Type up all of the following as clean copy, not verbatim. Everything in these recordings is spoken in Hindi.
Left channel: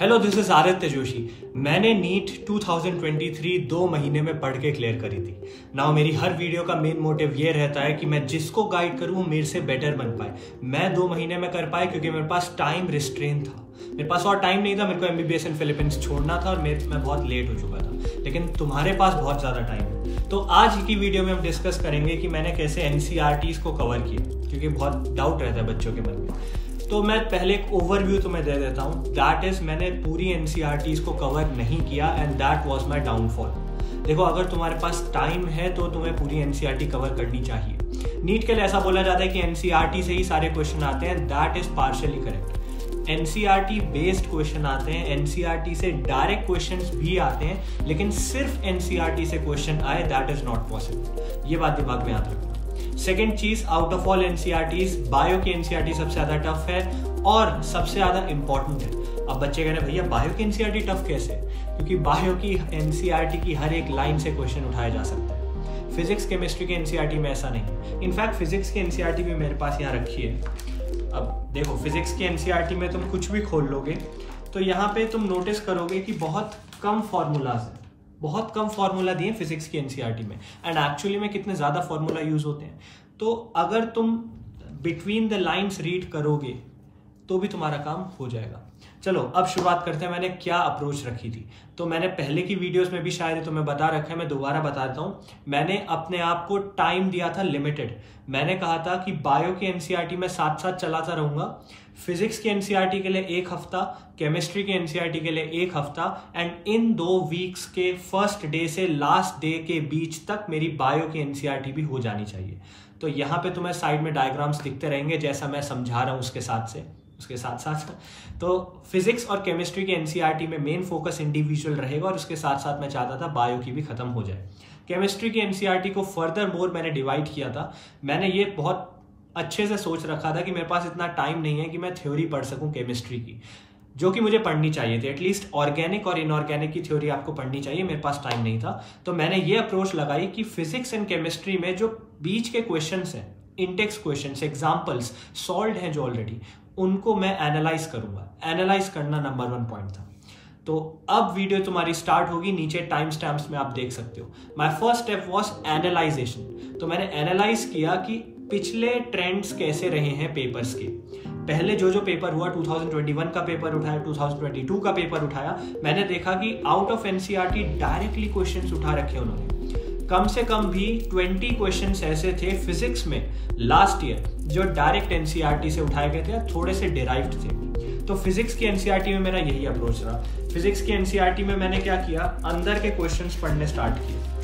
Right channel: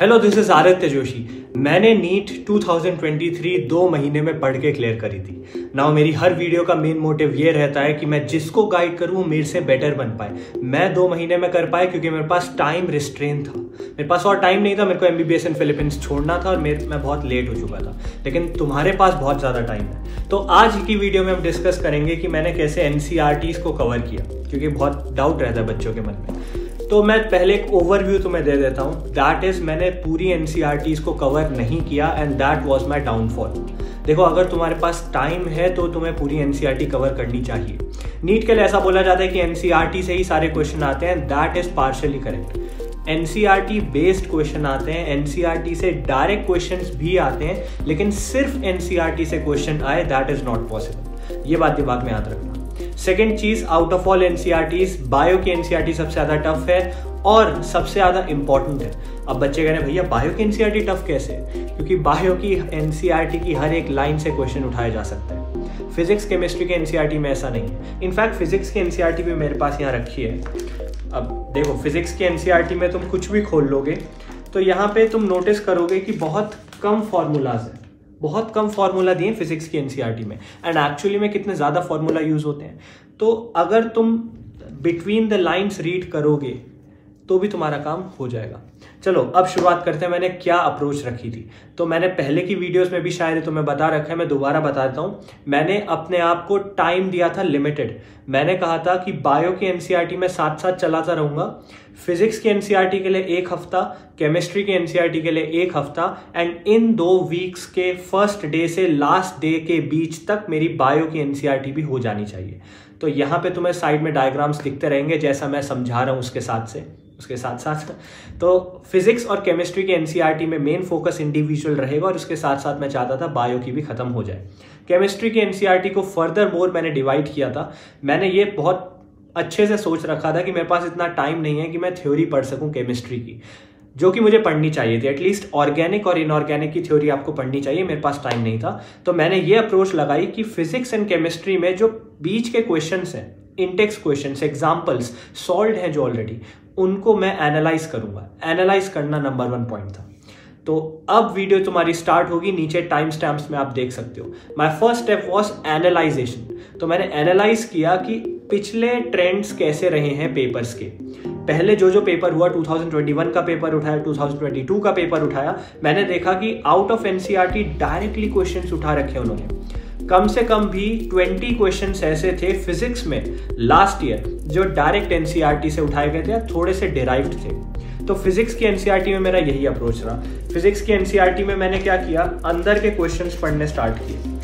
Hello, this is Aditya Joshi. मैंने नीट 2023 2 महीने में पढ़ के क्लियर करी थी। नाउ मेरी हर वीडियो का मेन मोटिव ये रहता है कि मैं जिसको गाइड करूं मेरे से बेटर बन पाए। मैं 2 महीने में कर पाए क्योंकि मेरे पास टाइम रिस्ट्रेन था। मेरे पास और टाइम नहीं था। मेरे को MBBS इन फिलीपींस छोड़ना था और मैं बहुत लेट हो चुका था। लेकिन तुम्हारे पास बहुत ज़्यादा टाइम है। तो आज की वीडियो में हम डिस्कस करेंगे कि मैंने कैसे NCERTs को कवर किया, क्योंकि बहुत डाउट रहता है बच्चों के मन में। तो मैं पहले एक ओवरव्यू तुम्हें दे देता हूँ। दैट इज, मैंने पूरी NCERTs को कवर नहीं किया and that was my downfall. देखो, अगर तुम्हारे पास टाइम है तो तुम्हें पूरी NCERT कवर करनी चाहिए। नीट के लिए ऐसा बोला जाता है कि NCERT से ही सारे क्वेश्चन आते हैं। That is partially correct. NCERT based question आते हैं, NCERT से डायरेक्ट क्वेश्चंस भी आते हैं, लेकिन सिर्फ NCERT से क्वेश्चन आए दैट इज नॉट पॉसिबल। ये बात दिमाग में याद रखना। सेकेंड चीज, out of all NCERTs bio की NCERT सबसे ज्यादा टफ है और सबसे ज्यादा इंपॉर्टेंट है। अब बच्चे कह रहे हैं भैया बायो की NCERT टफ कैसे? क्योंकि बायो की NCERT की हर एक लाइन से क्वेश्चन उठाया जा सकता है। फिजिक्स केमिस्ट्री के NCERT में ऐसा नहीं है। इनफैक्ट फिजिक्स की NCERT भी मेरे पास यहाँ रखी है। अब देखो, फिजिक्स की NCERT में तुम कुछ भी खोल लोगे तो यहाँ पे तुम नोटिस करोगे कि बहुत कम फॉर्मूलाज है, बहुत कम फॉर्मूला दिए फिजिक्स की NCERT में। एंड एक्चुअली में कितने ज्यादा फॉर्मूला यूज होते हैं। तो अगर तुम बिटवीन द लाइंस रीड करोगे तो भी तुम्हारा काम हो जाएगा। चलो अब शुरुआत करते हैं। मैंने क्या अप्रोच रखी थी, तो मैंने पहले की वीडियोस में भी शायद तुम्हें बता रखा है, मैं दोबारा बता देता हूं। मैंने अपने आप को टाइम दिया था लिमिटेड। मैंने कहा था कि बायो की NCERT में साथ साथ चलाता रहूंगा। फिजिक्स की NCERT के लिए 1 हफ्ता, केमिस्ट्री की NCERT के लिए 1 हफ्ता, एंड इन 2 वीक्स के फर्स्ट डे से लास्ट डे के बीच तक मेरी बायो की NCERT भी हो जानी चाहिए। तो यहाँ पे तुम्हें साइड में डायग्राम्स दिखते रहेंगे जैसा मैं समझा रहा हूँ उसके साथ साथ। तो फिजिक्स और केमिस्ट्री के NCERT में मेन फोकस इंडिविजुअल रहेगा और उसके साथ साथ मैं चाहता था बायो की भी खत्म हो जाए। केमिस्ट्री के NCERT को फर्दर मोर मैंने डिवाइड किया था। मैंने ये बहुत अच्छे से सोच रखा था कि मेरे पास इतना टाइम नहीं है कि मैं थ्योरी पढ़ सकूं केमिस्ट्री की, जो कि मुझे पढ़नी चाहिए थी। एटलीस्ट ऑर्गेनिक और इनऑर्गेनिक की थ्योरी आपको पढ़नी चाहिए। मेरे पास टाइम नहीं था, तो मैंने ये अप्रोच लगाई कि फिजिक्स एंड केमिस्ट्री में जो बीच के क्वेश्चंस हैं, इंटेक्स क्वेश्चंस, एग्जांपल्स सॉल्व्ड हैं जो ऑलरेडी, उनको मैं एनालाइज करूंगा। एनालाइज करना नंबर 1 पॉइंट था। तो अब वीडियो तुम्हारी स्टार्ट होगी, नीचे टाइम स्टैम्प्स में आप देख सकते हो। My first step was analysation. तो मैंने एनालाइज किया कि पिछले ट्रेंड्स कैसे रहे हैं पेपर्स के। पहले जो पेपर हुआ, 2021 का पेपर उठाया, 2022 का पेपर उठाया, मैंने देखा कि out of NCERT directly questions उठा रखे उन्होंने। कम से कम भी 20 क्वेश्चंस ऐसे थे फिजिक्स में लास्ट ईयर जो डायरेक्ट NCERT से उठाए गए थे या थोड़े से डिराइव्ड थे। तो फिजिक्स की NCERT में मेरा यही अप्रोच रहा। फिजिक्स की NCERT में मैंने क्या किया, अंदर के क्वेश्चंस पढ़ने स्टार्ट किए।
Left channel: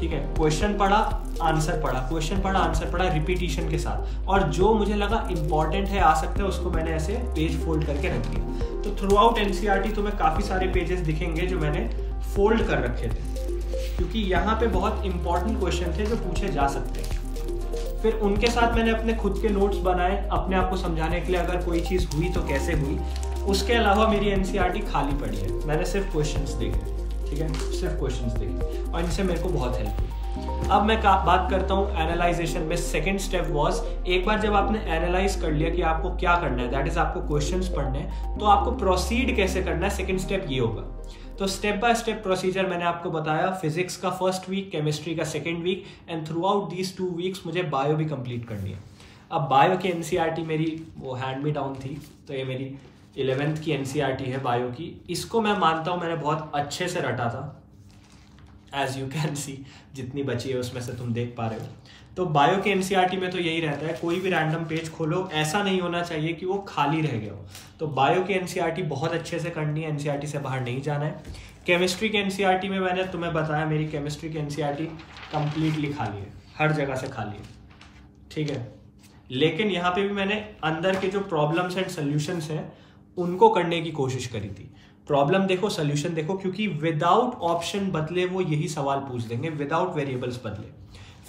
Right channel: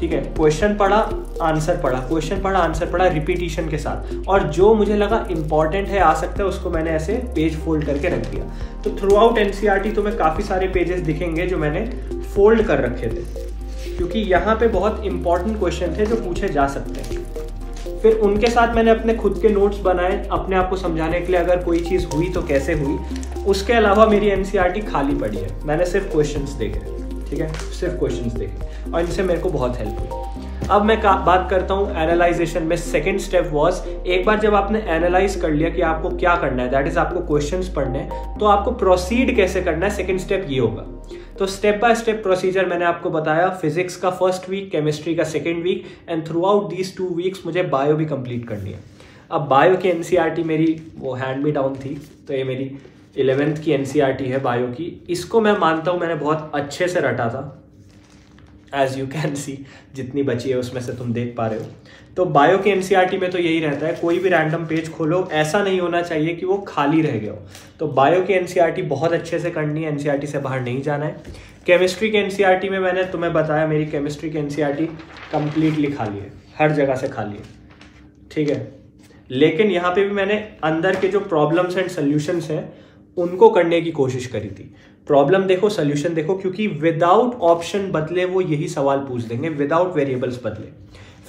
ठीक है, क्वेश्चन पढ़ा, आंसर पढ़ा, क्वेश्चन पढ़ा, आंसर पढ़ा, रिपीटिशन के साथ। और जो मुझे लगा इंपॉर्टेंट है, आ सकता है, उसको मैंने ऐसे पेज फोल्ड करके रख दिया। तो थ्रू आउट NCERT तुम्हें काफी सारे पेजेस दिखेंगे जो मैंने फोल्ड कर रखे थे, क्योंकि यहाँ पे बहुत इंपॉर्टेंट क्वेश्चन थे जो पूछे जा सकते हैं। फिर उनके साथ मैंने अपने खुद के नोट्स बनाए अपने आप को समझाने के लिए, अगर कोई चीज हुई तो कैसे हुई। उसके अलावा मेरी NCERT खाली पड़ी है, मैंने सिर्फ क्वेश्चंस देखे। ठीक है, सिर्फ क्वेश्चंस देखे और इनसे मेरे को बहुत हेल्प हुई। अब मैं बात करता हूँ एनालाइजेशन में। सेकंड स्टेप वाज, एक बार जब आपने एनालाइज कर लिया कि आपको क्या करना है, दैट इज आपको क्वेश्चंस पढ़ने हैं, तो आपको प्रोसीड कैसे करना है, सेकंड स्टेप ये होगा। तो स्टेप बाय स्टेप प्रोसीजर मैंने आपको बताया। फिजिक्स का फर्स्ट वीक, केमिस्ट्री का second week, and throughout these 2 weeks मुझे बायो भी कंप्लीट करनी है। अब बायो की NCERT मेरी वो हैंड मी डाउन थी, तो ये मेरी 11th की NCERT है बायो की। इसको मैं मानता हूँ मैंने बहुत अच्छे से रटा था, एज यू कैन सी। जितनी बची है उसमें से तुम देख पा रहे हो। तो बायो की NCERT में तो यही रहता है, कोई भी रैंडम पेज खोलो, ऐसा नहीं होना चाहिए कि वो खाली रह गया हो। तो बायो की NCERT बहुत अच्छे से करनी है, NCERT से बाहर नहीं जाना है। केमिस्ट्री के NCERT में मैंने तुम्हें बताया, मेरी केमिस्ट्री की NCERT कंप्लीटली खाली है, हर जगह से खाली है। ठीक है, लेकिन यहाँ पे भी मैंने अंदर के जो प्रॉब्लम्स एंड सोल्यूशंस हैं उनको करने की कोशिश करी थी। प्रॉब्लम देखो, सोल्यूशन देखो, क्योंकि विदाउट ऑप्शन बदले वो यही सवाल पूछ देंगे, विदाउट वेरिएबल्स बदले।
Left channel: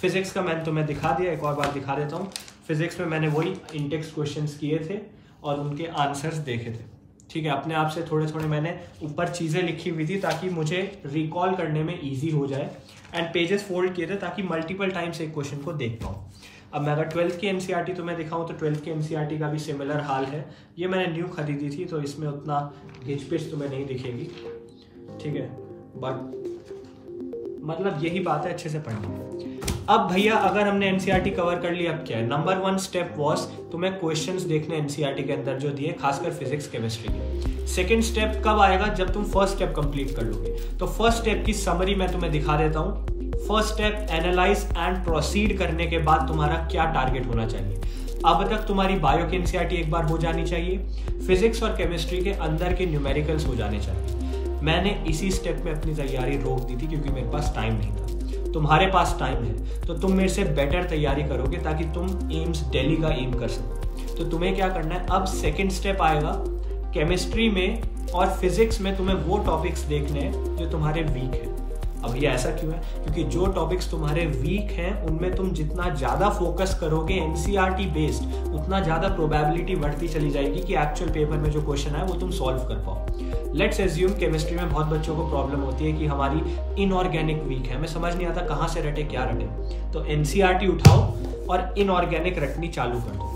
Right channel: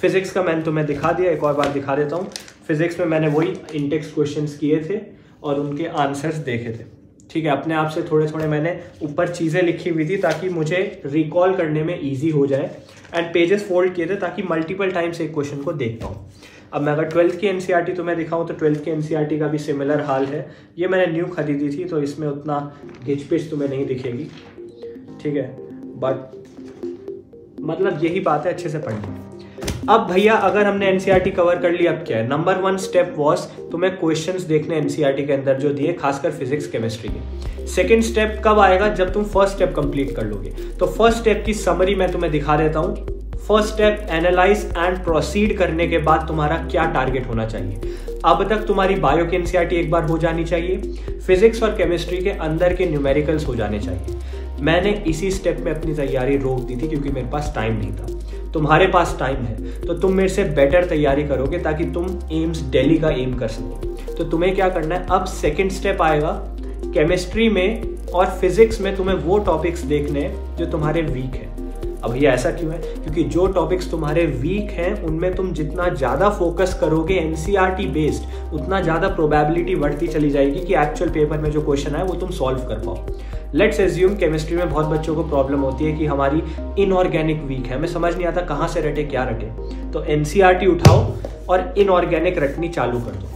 फिजिक्स का मैंने तुम्हें दिखा दिया, एक और बार दिखा देता हूँ। फिजिक्स में मैंने वही इंटेक्स क्वेश्चंस किए थे और उनके आंसर्स देखे थे। ठीक है, अपने आप से थोड़े थोड़े मैंने ऊपर चीजें लिखी हुई थी ताकि मुझे रिकॉल करने में ईजी हो जाए, एंड पेजेस फोल्ड किए थे ताकि मल्टीपल टाइम्स एक क्वेश्चन को देख पाऊँ। अब मैं अगर 12th की एनसीईआरटी तुम्हें दिखाऊं तो 12th की एनसीईआरटी का भी सिमिलर हाल है। ये मैंने न्यू खरीदी थी तो इसमें उतना घिचपिच तुम्हें नहीं दिखेगी, ठीक है, बट मतलब यही बात है, अच्छे से पढ़नी। अब भैया अगर हमने एनसीईआरटी कवर कर ली, अब क्या है? नंबर 1 स्टेप वॉज तुम्हें क्वेश्चंस देखने एनसीईआरटी के अंदर जो दिए, खासकर फिजिक्स केमिस्ट्री के। सेकंड स्टेप कब आएगा? जब तुम फर्स्ट स्टेप कंप्लीट कर लोगे। तो फर्स्ट स्टेप की समरी मैं तुम्हें दिखा देता हूं। First step analyse and proceed करने के बाद तुम्हारा क्या टारगेट होना चाहिए। अब तक तुम्हारी बायो की एनसीईआरटी एक बार हो जानी चाहिए, फिजिक्स और केमिस्ट्री के अंदर के न्यूमेरिकल्स हो जाने चाहिए। मैंने इसी स्टेप में अपनी तैयारी रोक दी थी क्योंकि मेरे पास टाइम नहीं था। तुम्हारे पास टाइम है तो तुम मेरे से बेटर तैयारी करोगे ताकि तुम एम्स दिल्ली का एम कर सको। तो तुम्हें क्या करना है, अब सेकंड स्टेप आएगा केमिस्ट्री में और फिजिक्स में तुम्हें वो टॉपिक्स देखने हैं जो तुम्हारे वीक है। अब ये ऐसा क्यों है? क्योंकि जो टॉपिक्स तुम्हारे वीक हैं उनमें तुम जितना ज्यादा फोकस करोगे एनसीईआरटी बेस्ड, उतना ज्यादा प्रोबेबिलिटी बढ़ती चली जाएगी कि एक्चुअल पेपर में जो क्वेश्चन है वो तुम सॉल्व कर पाओ। लेट्स एज्यूम केमिस्ट्री में बहुत बच्चों को प्रॉब्लम होती है कि हमारी इनऑर्गेनिक वीक है, हमें समझ नहीं आता कहाँ से रटे क्या रटे। तो एनसीईआरटी उठाओ और इनऑर्गेनिक रटनी चालू कर दो।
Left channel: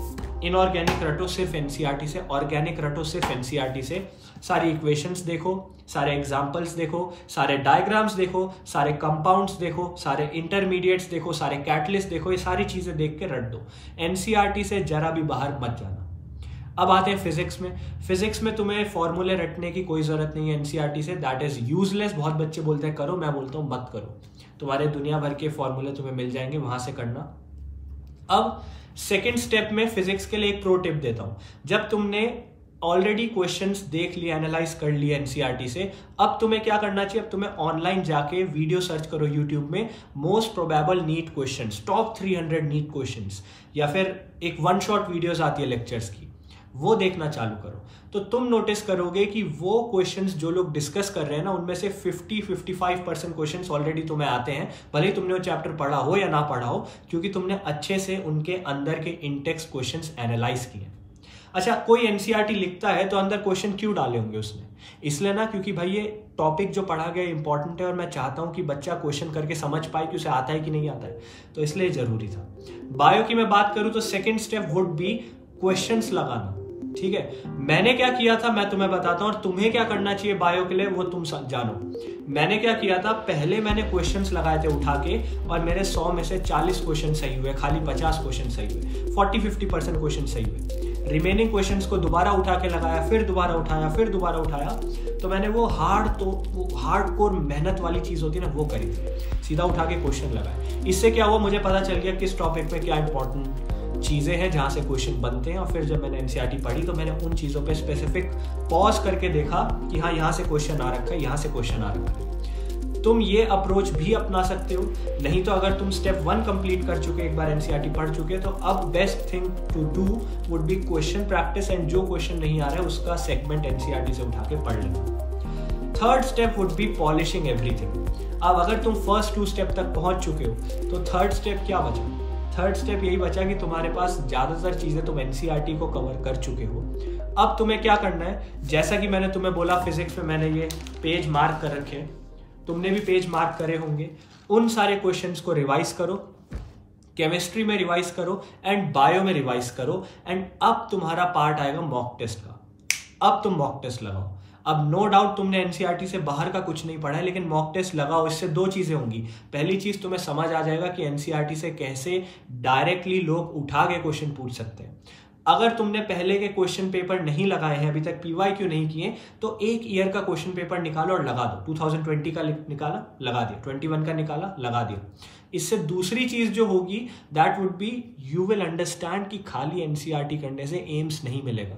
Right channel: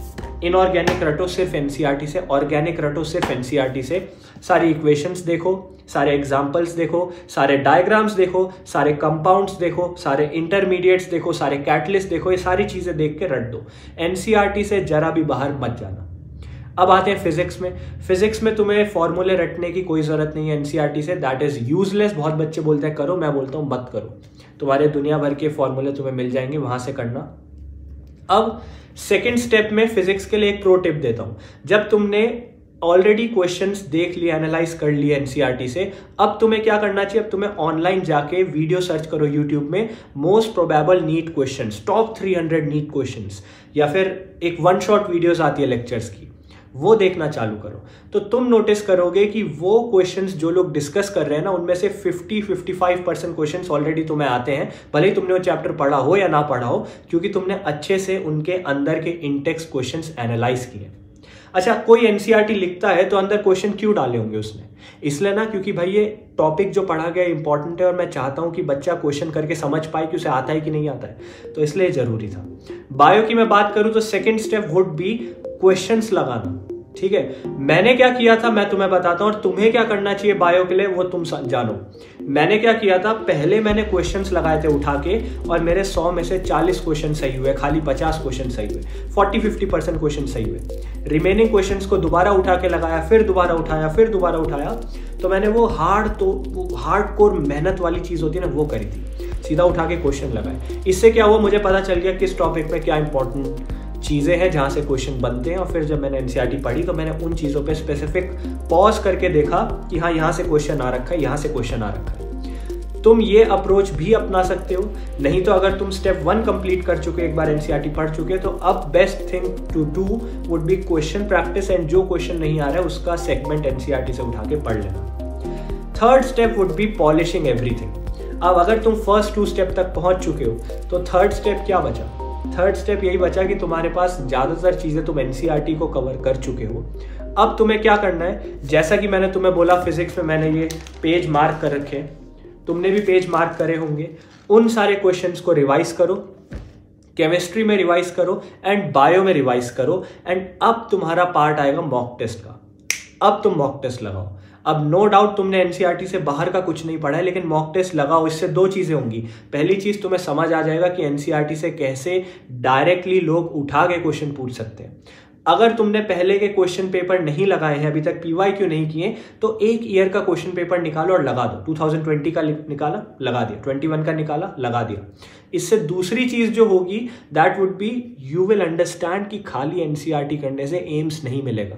इनऑर्गेनिक रटो सिर्फ एनसीईआरटी से, ऑर्गेनिक रटो सिर्फ एनसीईआरटी से। सारी इक्वेशंस देखो, सारे एग्जाम्पल्स देखो, सारे डायग्राम्स देखो, सारे कंपाउंड्स देखो, सारे इंटरमीडिएट्स देखो, सारे कैटलिस्ट देखो, ये सारी चीजें देख के रट दो। एनसीईआरटी से जरा भी बाहर मत जाना। अब आते हैं फिजिक्स में। फिजिक्स में तुम्हें फॉर्मूले रटने की कोई जरूरत नहीं है एनसीईआरटी से, दैट इज यूजलेस। बहुत बच्चे बोलते हैं करो, मैं बोलता हूं मत करो। तुम्हारे दुनिया भर के फॉर्मूले तुम्हें मिल जाएंगे, वहां से करना। अब सेकेंड स्टेप में फिजिक्स के लिए एक प्रो टिप देता हूं। जब तुमने ऑलरेडी क्वेश्चंस देख लिए, एनालाइज कर लिए एनसीईआरटी से, अब तुम्हें क्या करना चाहिए? अब तुम्हें ऑनलाइन जाके वीडियो सर्च करो यूट्यूब में, most probable NEET questions, top 300 NEET questions, या फिर एक 1 शॉट वीडियोस आती है लेक्चर्स की, वो देखना चालू करो। तो तुम नोटिस करोगे कि वो क्वेश्चंस जो लोग डिस्कस कर रहे हैं ना, उनमें से 50-55% क्वेश्चंस ऑलरेडी तुम्हें आते हैं, भले ही तुमने वो चैप्टर पढ़ा हो या ना पढ़ा हो, क्योंकि तुमने अच्छे से उनके अंदर के इंटेक्स्ट क्वेश्चंस एनालाइज किए। अच्छा, कोई एनसीईआरटी लिखता है तो अंदर क्वेश्चन क्यों डाले होंगे उसने? इसलिए ना क्योंकि भाई ये टॉपिक जो पढ़ा गया इंपॉर्टेंट है और मैं चाहता हूं कि बच्चा क्वेश्चन करके समझ पाए कि उसे आता है कि नहीं आता है, तो इसलिए जरूरी था। बायो की मैं बात करूं तो second step would be questions लगाना, ठीक है। मैंने क्या किया था मैं तुम्हें बताता हूं, और तुम्हें क्या करना चाहिए बायो के लिए वो तुम जानो। मैंने क्या किया था, पहले मैंने क्वेश्चंस लगाए थे उठा के, और मेरे 100 में से 40 क्वेश्चन सही हुए, खाली 50 क्वेश्चन सही हुए, 40-50% क्वेश्चन सही हुए। रिमेनिंग क्वेश्चंस को दोबारा उठा के लगाया, फिर दोबारा उठाया, फिर दोबारा उठाया। तो मैंने वो हार्डकोर मेहनत वाली चीज होती है ना, वो करी थी। सीधा उठा के क्वेश्चन लगाए। इससे क्या हुआ, मुझे पता चल गया किस टॉपिक में क्या इंपॉर्टेंट चीजें हैं जहां से क्वेश्चन बनते हैं। और फिर जब मैंने एनसीईआरटी पढ़ी तो मैंने उन चीजों पे स्पेसिफिक पॉज करके देखा कि हाँ यहाँ से क्वेश्चन आ रखा है, यहाँ से क्वेश्चन आ रखा है। तुम ये अप्रोच भी अपना सकते हो। नहीं तो अगर तुम स्टेप 1 कंप्लीट कर चुके, एक बार एनसीईआरटी पढ़ चुके, तो अब best thing to do would be question practice, and जो क्वेश्चन नहीं आ रहा है उसका सेगमेंट एनसीईआरटी से उठा के पढ़ लेना। Third step would be polishing everything. अब अगर तुम फर्स्ट 2 स्टेप तक पहुंच चुके हो तो थर्ड स्टेप क्या बचा? थर्ड स्टेप यही बचा कि तुम्हारे पास ज्यादातर चीजें तुम एनसीईआरटी को कवर कर चुके हो। अब तुम्हें क्या करना है, जैसा कि मैंने तुम्हें बोला फिजिक्स में मैंने ये पेज मार्क कर रखे, तुमने भी पेज मार्क करे होंगे। उन सारे क्वेश्चंस को रिवाइज करो, केमिस्ट्री में रिवाइज करो एंड बायो में रिवाइज करो। एंड अब तुम्हारा पार्ट आएगा मॉक टेस्ट का। अब तुम मॉक टेस्ट लगाओ। अब नो डाउट तुमने एनसीईआरटी से बाहर का कुछ नहीं पढ़ा है, लेकिन मॉक टेस्ट लगाओ। इससे 2 चीजें होंगी। पहली चीज, तुम्हें समझ आ जाएगा कि एनसीईआरटी से कैसे डायरेक्टली लोग उठा के क्वेश्चन पूछ सकते हैं। अगर तुमने पहले के क्वेश्चन पेपर नहीं लगाए हैं, अभी तक पीवाईक्यू नहीं किए, तो 1 ईयर का क्वेश्चन पेपर निकालो और लगा दो। 2020 का निकाला, लगा दिया। 21 का निकाला, लगा दिया। इससे दूसरी चीज जो होगी that would be you will understand कि खाली एनसीईआरटी करने से एम्स नहीं मिलेगा,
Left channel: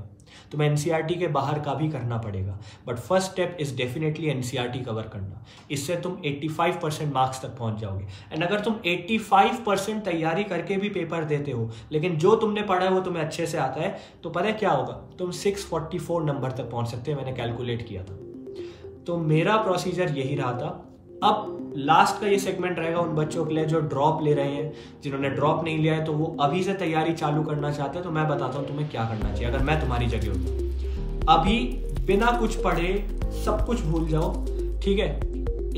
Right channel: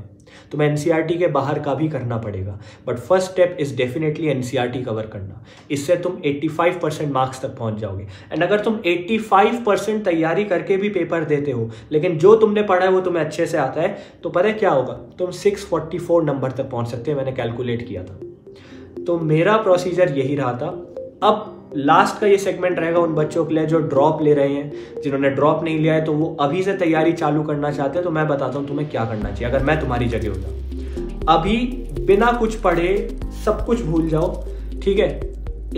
तुम्हें एनसीईआरटी के बाहर का भी करना पड़ेगा। But first step is definitely NCERT cover करना। इससे तुम 85% मार्क्स तक पहुंच जाओगे। एंड अगर तुम 85% तैयारी करके भी पेपर देते हो, लेकिन जो तुमने पढ़ा है वो तुम्हें अच्छे से आता है, तो पता है क्या होगा, तुम 644 नंबर तक पहुंच सकते हैं। मैंने कैलकुलेट किया था। तो मेरा प्रोसीजर यही रहा था। अब लास्ट का ये सेगमेंट रहेगा उन बच्चों के लिए जो ड्रॉप ले रहे हैं। जिन्होंने ड्रॉप नहीं लिया है तो वो अभी से तैयारी चालू करना चाहते हैं, तो मैं बताता हूं तुम्हें क्या करना चाहिए। अगर मैं तुम्हारी जगह होता, अभी बिना कुछ पढ़े सब कुछ भूल जाओ, ठीक है।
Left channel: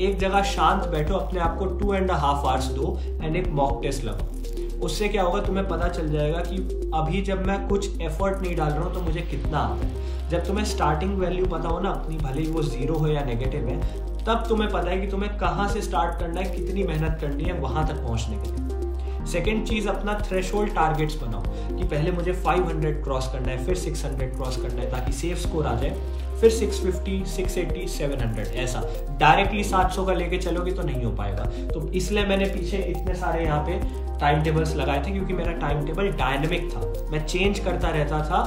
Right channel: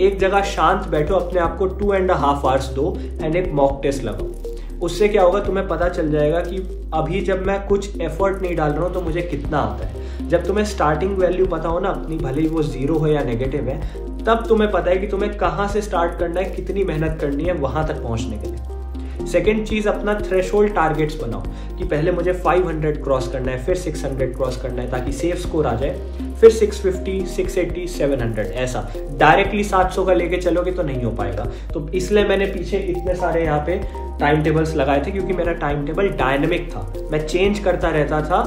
एक जगह शांत बैठो, अपने आप को 2.5 आवर्स दो एंड एक मॉक टेस्ट लगाओ। उससे क्या होगा, तुम्हें पता चल जाएगा कि अभी जब मैं कुछ एफर्ट नहीं डाल रहा हूँ तो मुझे कितना आता है। जब तुम्हें स्टार्टिंग वैल्यू पता हो ना अपनी, भले ही वो 0 हो या नेगेटिव है, तब तुम्हें पता है कि तुम्हें कहाँ से स्टार्ट करना है, कितनी मेहनत करनी है वहाँ तक पहुँचने के लिए। सेकेंड चीज़, अपना थ्रेशोल्ड टारगेट्स बनाओ कि पहले मुझे 500 क्रॉस करना है, फिर 600 क्रॉस करना है ताकि सेफ स्कोर आ जाए, फिर 650, 680, 700, ऐसा डायरेक्टली 700 का लेके चलोगे तो नहीं हो पाएगा। तो इसलिए मैंने पीछे इतने सारे यहाँ पे टाइम टेबल्स लगाए थे, क्योंकि मेरा टाइम टेबल डायनेमिक था, मैं चेंज करता रहता था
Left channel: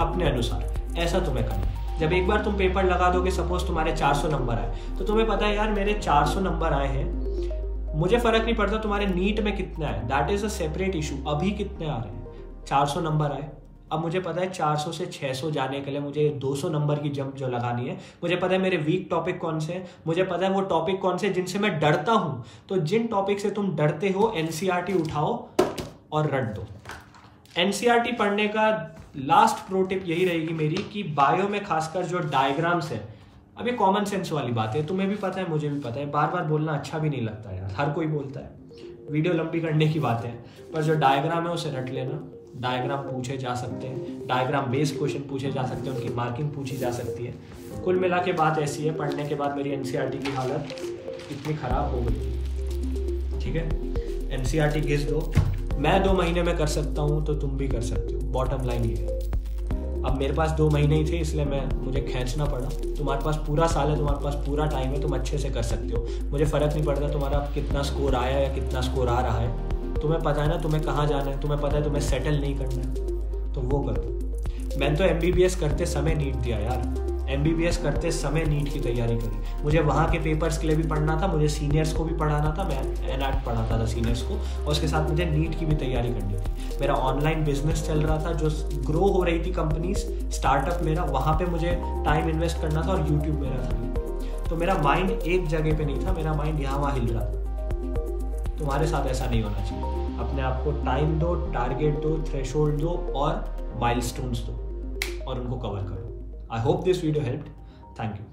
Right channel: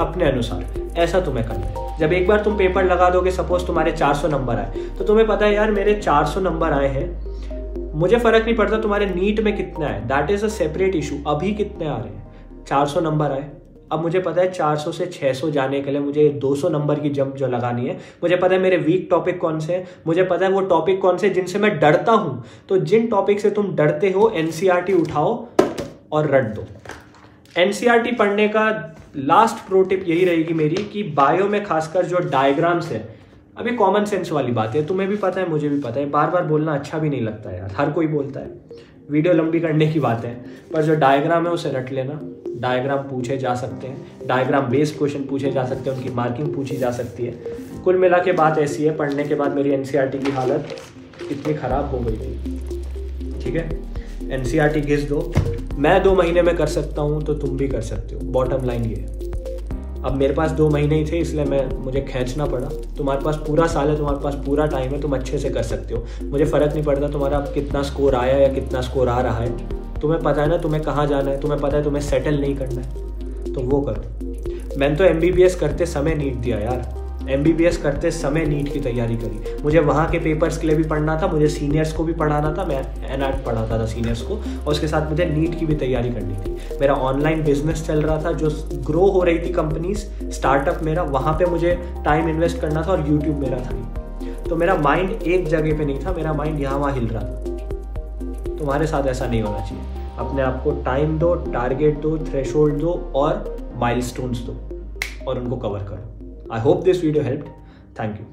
अपने अनुसार। ऐसा तुम्हें करना है। जब एक बार तुम पेपर लगा दोगे, सपोज तुम्हारे 400 नंबर आए, तो तुम्हें पता है यार मेरे 400 नंबर आए हैं, मुझे फर्क नहीं पड़ता तुम्हारे नीट में कितना है, that is a separate issue. अभी कितने आ रहे हैं, 400 नंबर आए, अब मुझे पता है 400 से 600 जाने के लिए मुझे 200 नंबर की जंप जो लगानी है। मुझे पता है मेरे वीक टॉपिक कौन से हैं, मुझे पता है वो टॉपिक कौन से जिनसे मैं डरता हूं। तो जिन टॉपिक से तुम डरते हो, एनसीईआरटी उठाओ और रट दो। एनसीईआरटी पढ़ने का लास्ट प्रो टिप यही रहेगी मेरी कि बायो में खासकर जो डायग्राम्स है, अभी कॉमन सेंस वाली बात है, तुम्हें भी पता है मुझे भी पता है, बार बार बोलना अच्छा भी नहीं लगता यार, हर कोई बोलता है, वीडियो लंबी करने की बात है, पर जो डायग्राम है उसे रट लेना। डायग्राम पूछे जा सकते हैं, डायग्राम बेस्ड क्वेश्चन पूछे जा सकते हैं, उनकी मार्किंग पूछी जा सकती है। कुल मिला के बात ऐसी है, पढ़ने के बाद मेरी एनसीईआरटी की हालत इतनी खराब हो गई थी। ठीक है, एनसीईआरटी घिस दो, मैं 2 महीने में कर सकता हूँ तो तुम भी कर सकते हो। बॉटम लाइन ये है। अब मेरे पास 2 महीने ही थे, इसलिए मुझे खींचना पड़ा। तुम्हारे पास पूरा साल है, तुम्हारे पास पूरा टाइम है, तुम अच्छे से कर सकते हो। मुझे फ़र्क नहीं पड़ता तुम्हारा कितना स्कोर आया या कितना स्कोर आ रहा है, तुम्हें पता है ना तुम्हें कहाँ जाना है, तुम्हें पता है तुम्हें सेटल नहीं करना है, तो वो करो। मैंने तो MBBS करते समय नीट दिया यार, MBBS करते समय नीट की तैयारी करी। मुझे वहाँ के पेपर्स के लिए भी पढ़ना था, मुझे सीनियर्स को भी पढ़ाना था, मैं एनआर्ट पढ़ाता था सीनियर्स को, और उसके साथ मुझे नीट की भी तैयारी करनी थी। मेरा ऑनलाइन बिजनेस चल रहा था, जो ग्रो हो रही थी कंपनीज, स्टार्टअप मेरा, वहाँ पे मुझे टाइम इन्वेस्ट करना था, और यूट्यूब मेरा था। तो मेरा माइंड एक जगह पे नहीं था, मेरा माइंड यहाँ वहाँ हिल रहा था। तुम्हारे साथ ऐसा नहीं होना चाहिए। अपने आप को टाइम दो, टारगेट दो, थ्रेशोल्ड दो और माइलस्टोन्स दो, और उनको कवर करो। I hope this video helped. Thank you.